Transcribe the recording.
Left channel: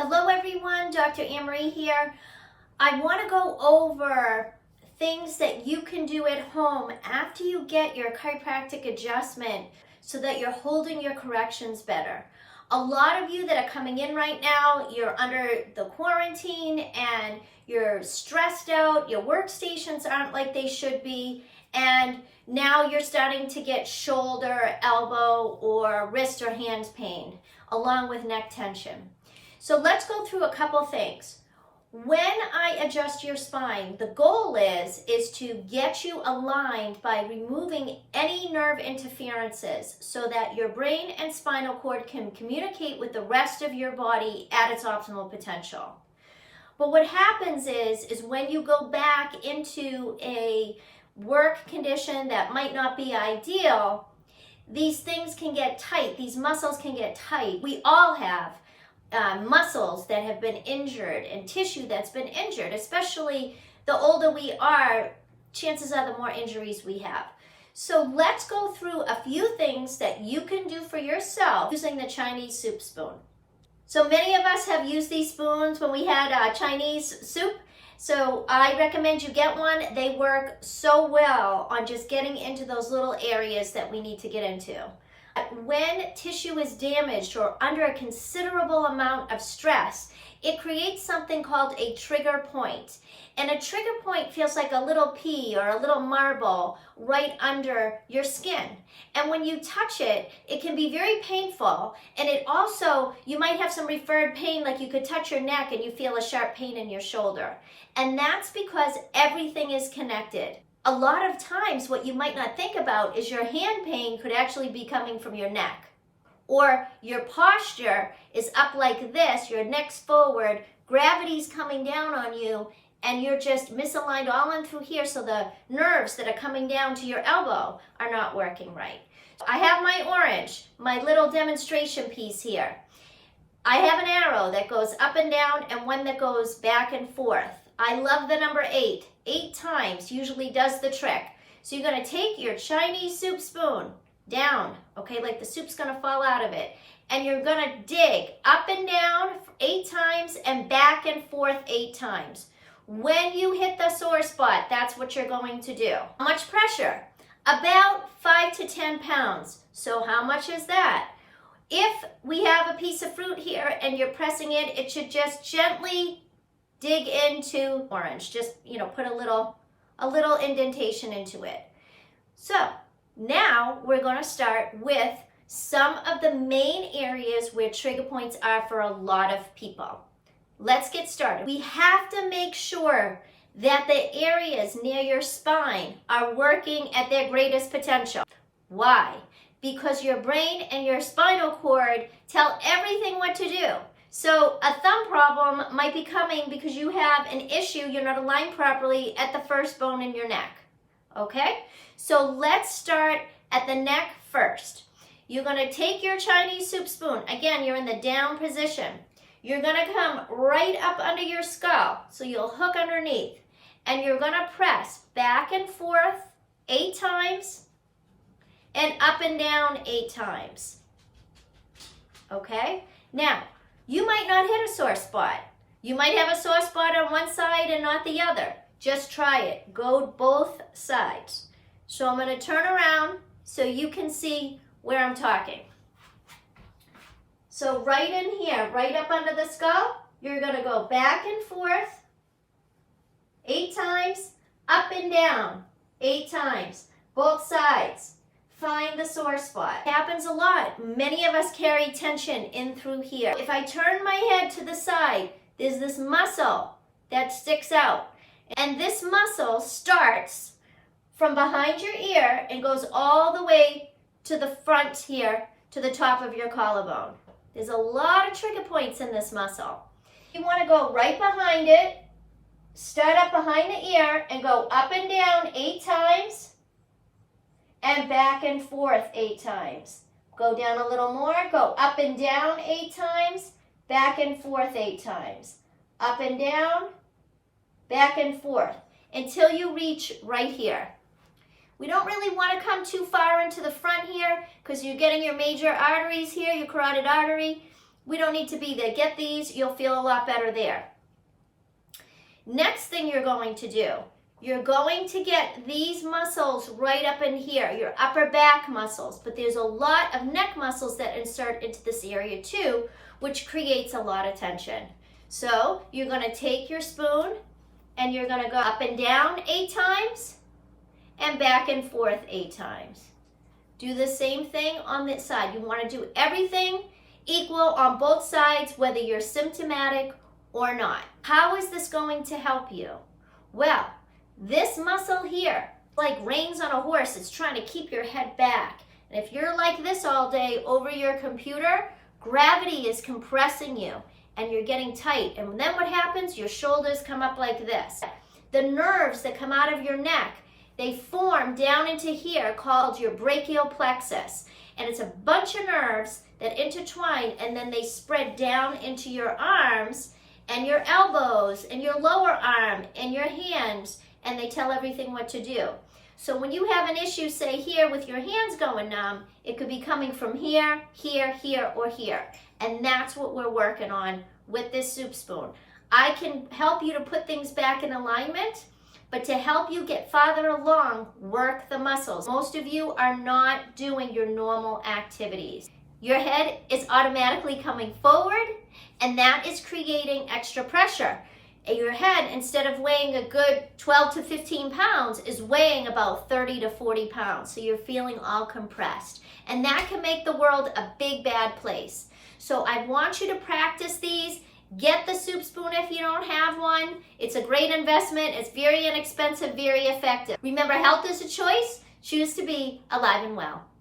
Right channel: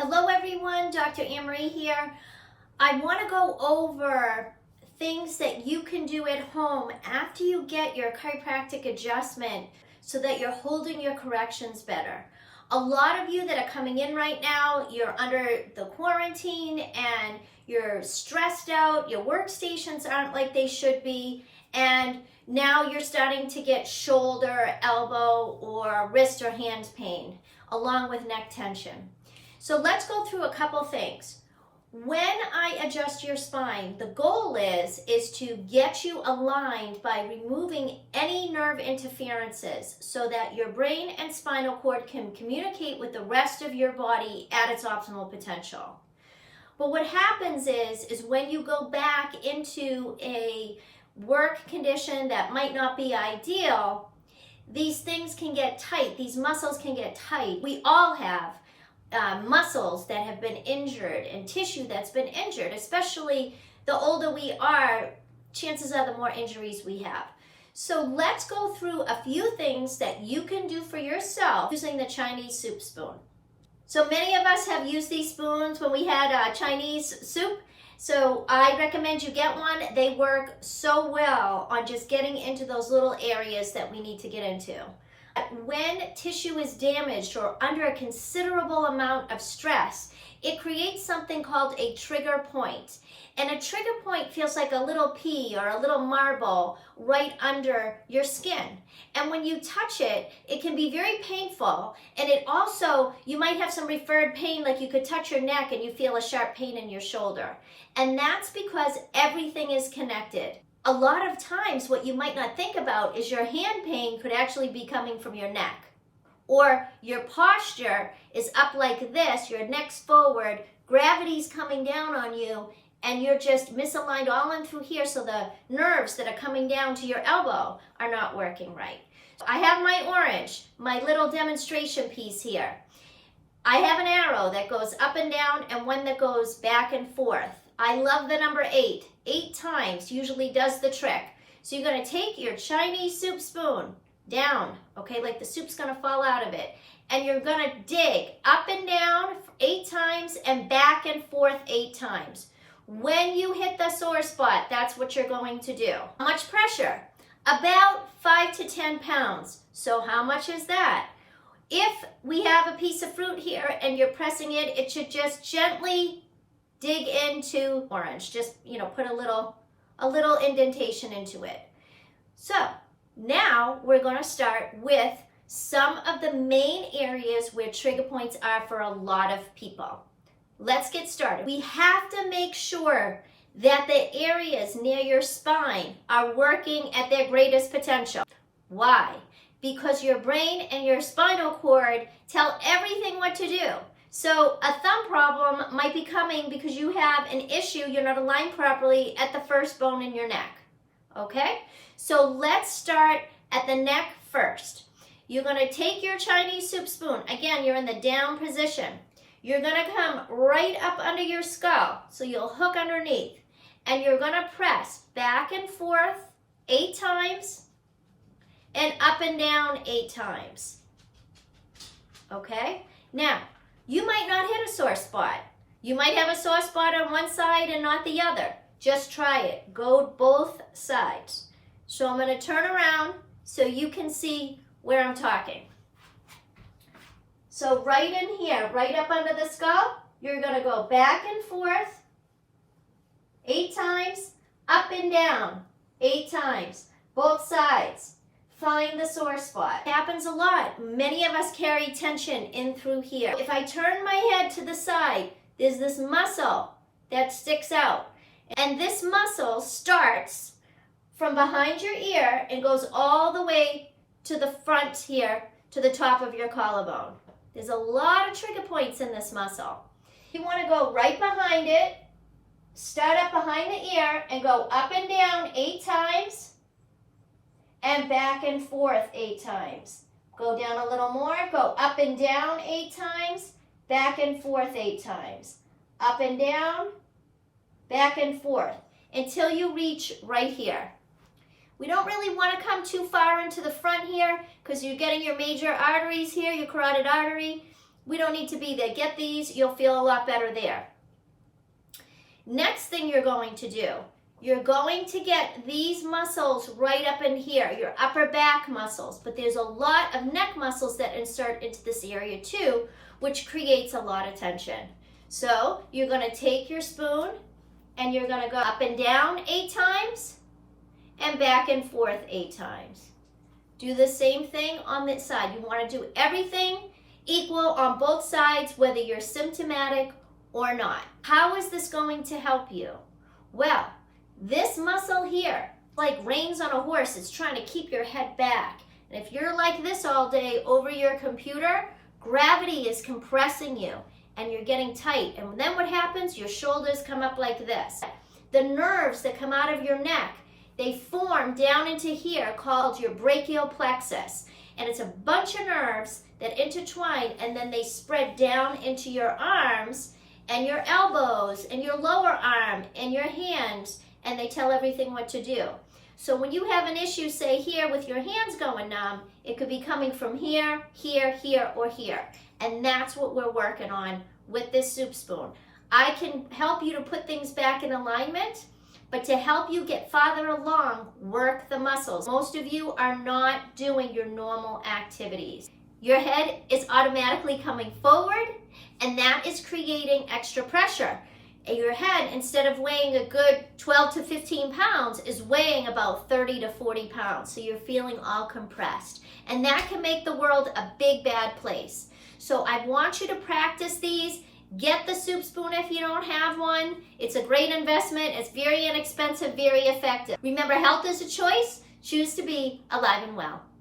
Hello everyone, Dr. Marie here. I want to go over things that you can do at home after you get your chiropractic adjustment so that you're holding your corrections better. A lot of you that are coming in right now, you're under the quarantine and you're stressed out, your workstations aren't like they should be, and now you're starting to get shoulder, elbow, or wrist or hand pain along with neck tension. So let's go through a couple things. When I adjust your spine, the goal is to get you aligned by removing any nerve interferences so that your brain and spinal cord can communicate with the rest of your body at its optimal potential. But what happens is when you go back into a work condition that might not be ideal, these things can get tight, these muscles can get tight. We all have muscles that have been injured and tissue that's been injured. Especially the older we are, chances are the more injuries we have. So let's go through a few things that you can do for yourself using the Chinese soup spoon. So many of us have used these spoons when we had Chinese soup. So I recommend you get one. They work so well on just getting into those little areas that we need to get into. When tissue is damaged or under a considerable amount of stress, it creates something called a trigger point. And a trigger point feels like a little pea or a little marble right under your skin. And when you touch it, it can be very painful. And it also, you might have some referred pain, like you could touch your neck and you feel a sharp pain in your shoulder. And that's because everything is connected. A lot of times what you might not think about is your hand pain could actually be coming from your neck. Or your posture is up like this, your neck's forward, gravity's coming down on you, and you're just misaligned all in through here, so the nerves that are coming down to your elbow are not working right. I have my orange, my little demonstration piece here. I have an arrow that goes up and down and one that goes back and forth. I love the number 8. 8 times usually does the trick. So you're going to take your Chinese soup spoon down, okay, like the soup's going to fall out of it, and you're going to dig up and down 8 times and back and forth 8 times. When you hit the sore spot, that's what you're going to do. How much pressure? About 5 to 10 pounds. So how much is that? If we have a piece of fruit here and you're pressing it, it should just gently dig into orange. Just, put a little indentation into it. So now we're going to start with some of the main areas where trigger points are for a lot of people. Let's get started. We have to make sure that the areas near your spine are working at their greatest potential. Why? Because your brain and your spinal cord tell everything what to do. So a thumb problem might be coming because you have an issue, you're not aligned properly at the first bone in your neck. Okay? So let's start at the neck first. You're going to take your Chinese soup spoon. Again, you're in the down position. You're going to come right up under your skull. So you'll hook underneath. And you're going to press back and forth 8 times and up and down 8 times. Okay? Now, you might not hit a sore spot. You might have a sore spot on one side and not the other. Just try it. Go both sides. So I'm going to turn around so you can see where I'm talking. So right in here, right up under the skull, you're going to go back and forth 8 times, up and down 8 times, both sides. Find the sore spot. It happens a lot. Many of us carry tension in through here. If I turn my head to the side, there's this muscle that sticks out. And this muscle starts from behind your ear and goes all the way to the front here, to the top of your collarbone. There's a lot of trigger points in this muscle. You want to go right behind it, start up behind the ear, and go up and down 8 times. And back and forth 8 times. Go down a little more. Go up and down 8 times. Back and forth 8 times. Up and down. Back and forth. Until you reach right here. We don't really want to come too far into the front here because you're getting your major arteries here, your carotid artery. We don't need to be there. Get these, you'll feel a lot better there. Next thing you're going to do, you're going to get these muscles right up in here, your upper back muscles, but there's a lot of neck muscles that insert into this area too, which creates a lot of tension. So you're going to take your spoon and you're going to go up and down 8 times and back and forth 8 times. Do the same thing on this side. You want to do everything equal on both sides, whether you're symptomatic or not. How is this going to help you? Well, this muscle here, like reins on a horse, it's trying to keep your head back. And if you're like this all day over your computer, gravity is compressing you and you're getting tight. And then what happens? Your shoulders come up like this. The nerves that come out of your neck, they form down into here called your brachial plexus. And it's a bunch of nerves that intertwine and then they spread down into your arms and your elbows and your lower arm and your hands, and they tell everything what to do. So when you have an issue, say here with your hands going numb, it could be coming from here, here, here, or here. And that's what we're working on with this soup spoon. I can help you to put things back in alignment, but to help you get farther along, work the muscles. Most of you are not doing your normal activities. Your head is automatically coming forward, and that is creating extra pressure. Your head, instead of weighing a good 12 to 15 pounds, is weighing about 30 to 40 pounds. So you're feeling all compressed. And that can make the world a big, bad place. So I want you to practice these. Get the soup spoon if you don't have one. It's a great investment. It's very inexpensive, very effective. Remember, health is a choice. Choose to be alive and well.